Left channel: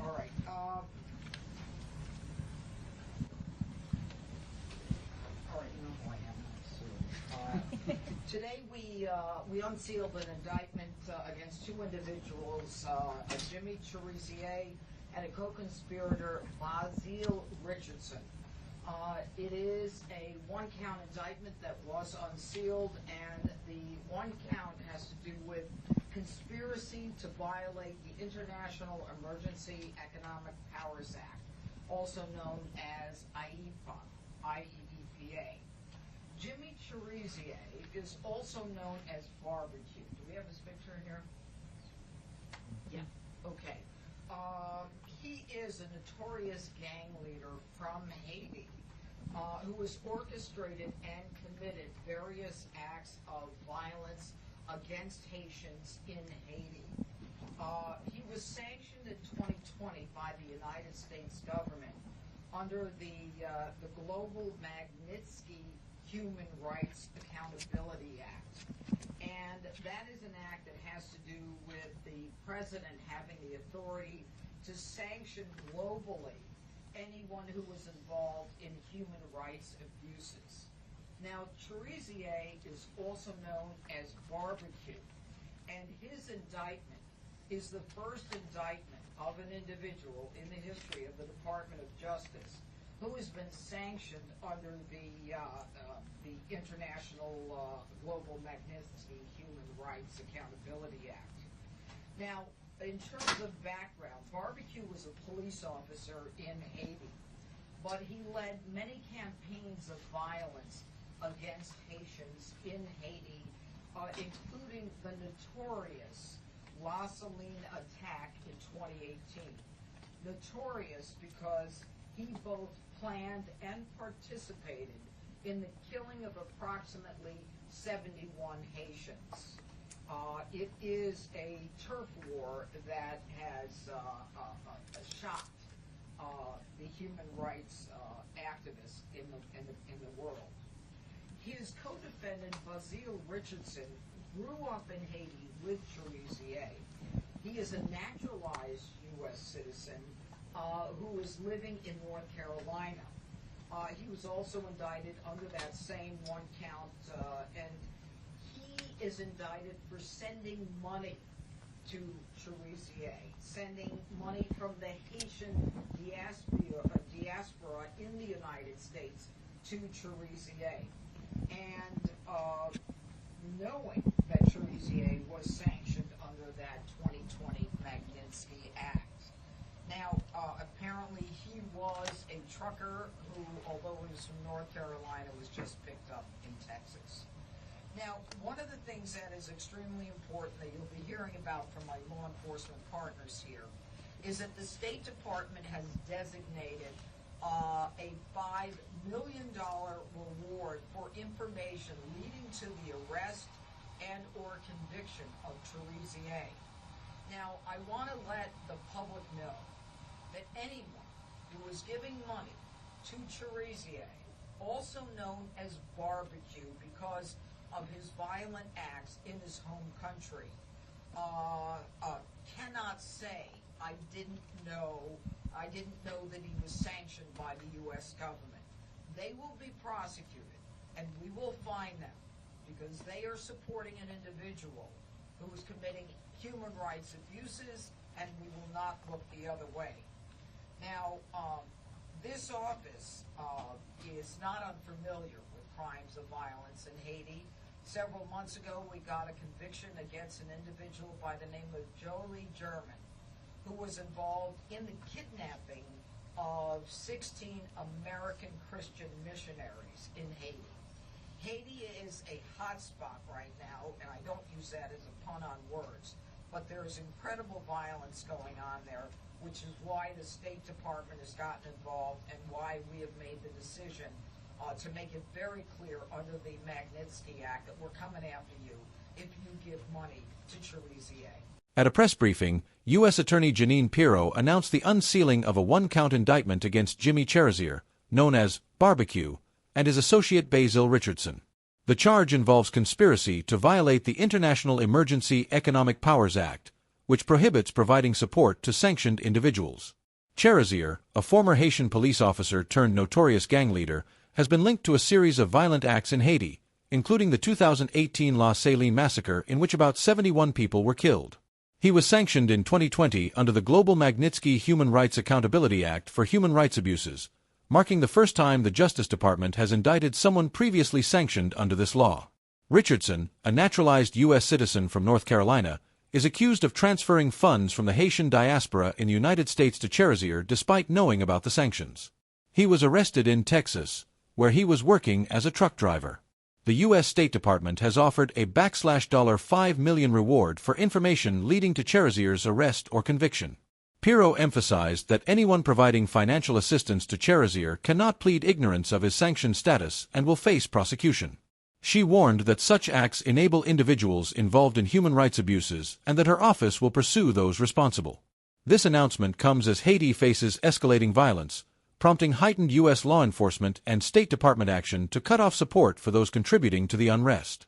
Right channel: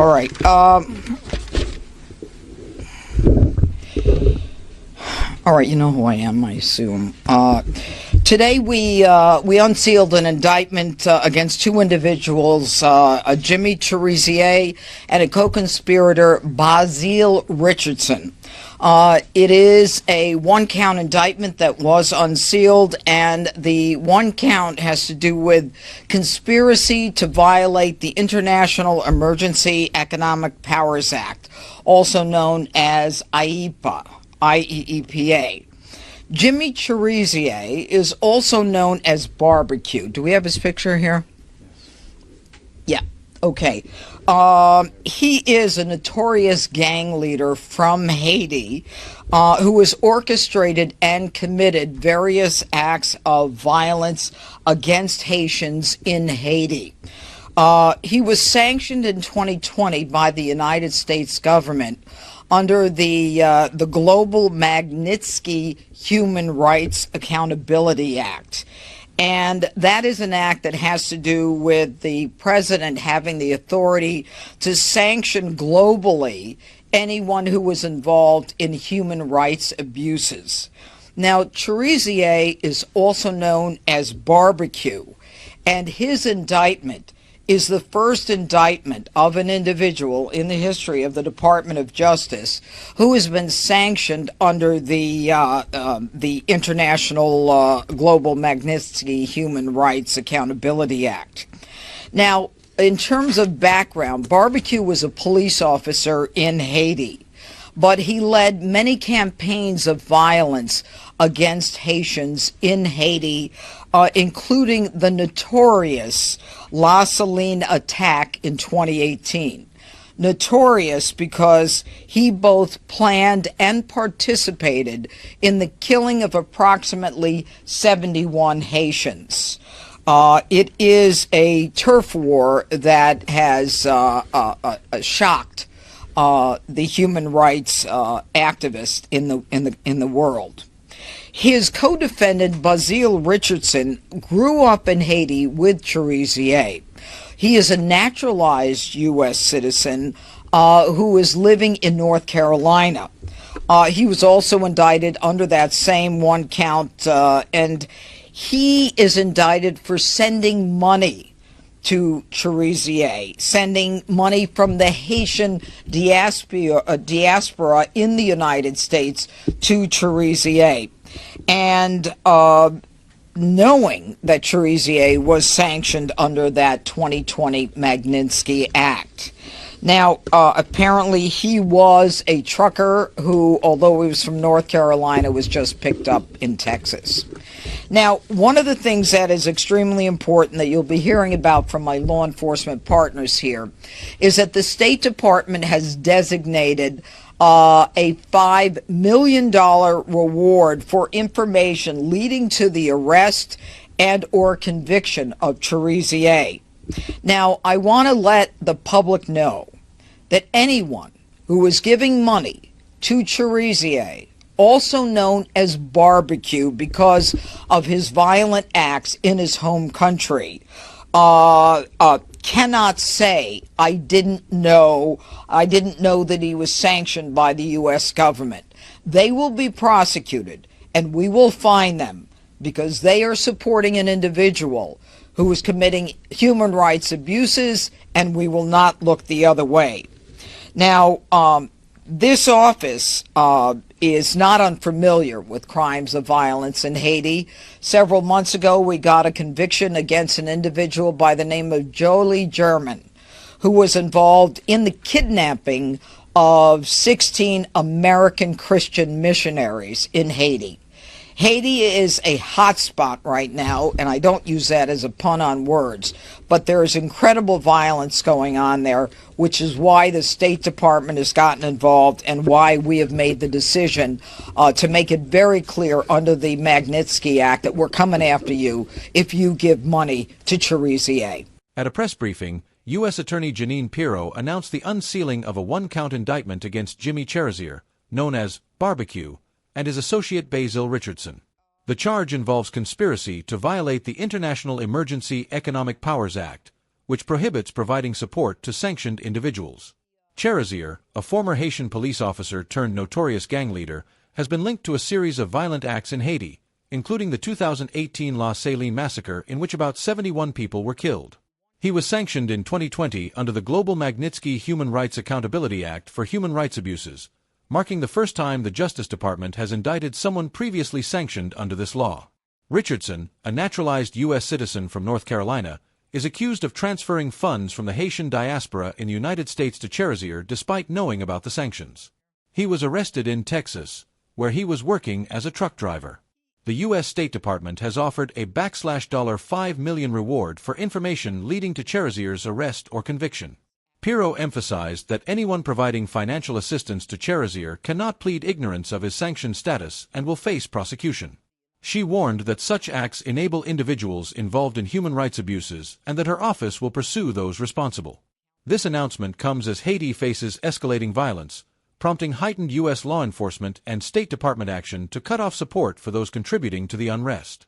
All right. All right, you know who I am, I assume. Today we unsealed an indictment against two individuals, Jimmy Chérizier and a co-conspirator, Bazil Richardson. It is a one-count indictment that was unsealed, and the one count has to do with conspiracy to violate the International Emergency Economic Powers Act, also known as IEEPA. Jimmy Chérizier is also known as Barbecue. Do we have his picture here? Yeah. Okay. He is a notorious gang leader from Haiti who has orchestrated and committed various acts of violence against Haitians in Haiti. He was sanctioned in 2020 by the United States government under the Global Magnitsky Human Rights Accountability Act. And that is an act that has to do with the president having the authority to sanction globally anyone who was involved in human rights abuses. Now, Chérizier is also known as Barbecue, and his indictment is the first indictment of an individual in the history of the Department of Justice who has been sanctioned under the International Global Magnitsky Human Rights Accountability Act. Now, in terms of background, Barbecue was a police officer in Haiti, but he led many campaigns of violence against Haitians in Haiti, including the notorious La Saline attack in 2018. Notorious because he both planned and participated in the killing of approximately 71 Haitians. It is a turf war that has shocked the human rights activists in the world. His co-defendant, Bazil Richardson, grew up in Haiti with Chérizier. He is a naturalized U.S. citizen who is living in North Carolina. He was also indicted under that same one count, and he is indicted for sending money to Chérizier, sending money from the Haitian diaspora in the United States to Chérizier. And knowing that Chérizier was sanctioned under that 2020 Magnitsky Act. Now, apparently he was a trucker who, although he was from North Carolina, was just picked up in Texas. Now, one of the things that is extremely important that you'll be hearing about from my law enforcement partners here is that the State Department has designated a $5 million reward for information leading to the arrest and or conviction of Chérizier. Now, I want to let the public know that anyone who is giving money to Chérizier, also known as Barbecue because of his violent acts in his home country, cannot say, I didn't know that he was sanctioned by the U.S. government. They will be prosecuted, and we will fine them because they are supporting an individual who is committing human rights abuses, and we will not look the other way. Now, this office is not unfamiliar with crimes of violence in Haiti. Several months ago, we got a conviction against an individual by the name of Jolie German, who was involved in the kidnapping of 16 American Christian missionaries in Haiti. Haiti is a hot spot right now, and I don't use that as a pun on words, but there is incredible violence going on there, which is why the State Department has gotten involved and why we have made the decision to make it very clear under the Magnitsky Act that we're coming after you if you give money to Chérizier. At a press briefing, U.S. Attorney Jeanine Pirro announced the unsealing of a one-count indictment against Jimmy Chérizier, known as Barbecue, and his associate Bazil Richardson. The charge involves conspiracy to violate the International Emergency Economic Powers Act, which prohibits providing support to sanctioned individuals. Chérizier, a former Haitian police officer turned notorious gang leader, has been linked to a series of violent acts in Haiti, including the 2018 La Saline massacre in which about 71 people were killed. He was sanctioned in 2020 under the Global Magnitsky Human Rights Accountability Act for human rights abuses, marking the first time the Justice Department has indicted someone previously sanctioned under this law. Richardson, a naturalized U.S. citizen from North Carolina, is accused of transferring funds from the Haitian diaspora in the United States to Chérizier despite knowing about the sanctions. He was arrested in Texas, where he was working as a truck driver. The U.S. State Department has offered a $5 million reward for information leading to Chérezier's arrest or conviction. Pirro emphasized that anyone providing financial assistance to Chérizier cannot plead ignorance of his sanctioned status and will face prosecution. She warned that such acts enable individuals involved in human rights abuses and that her office will pursue those responsible. This announcement comes as Haiti faces escalating violence, prompting heightened U.S. law enforcement and State Department action to cut off support for those contributing to the unrest.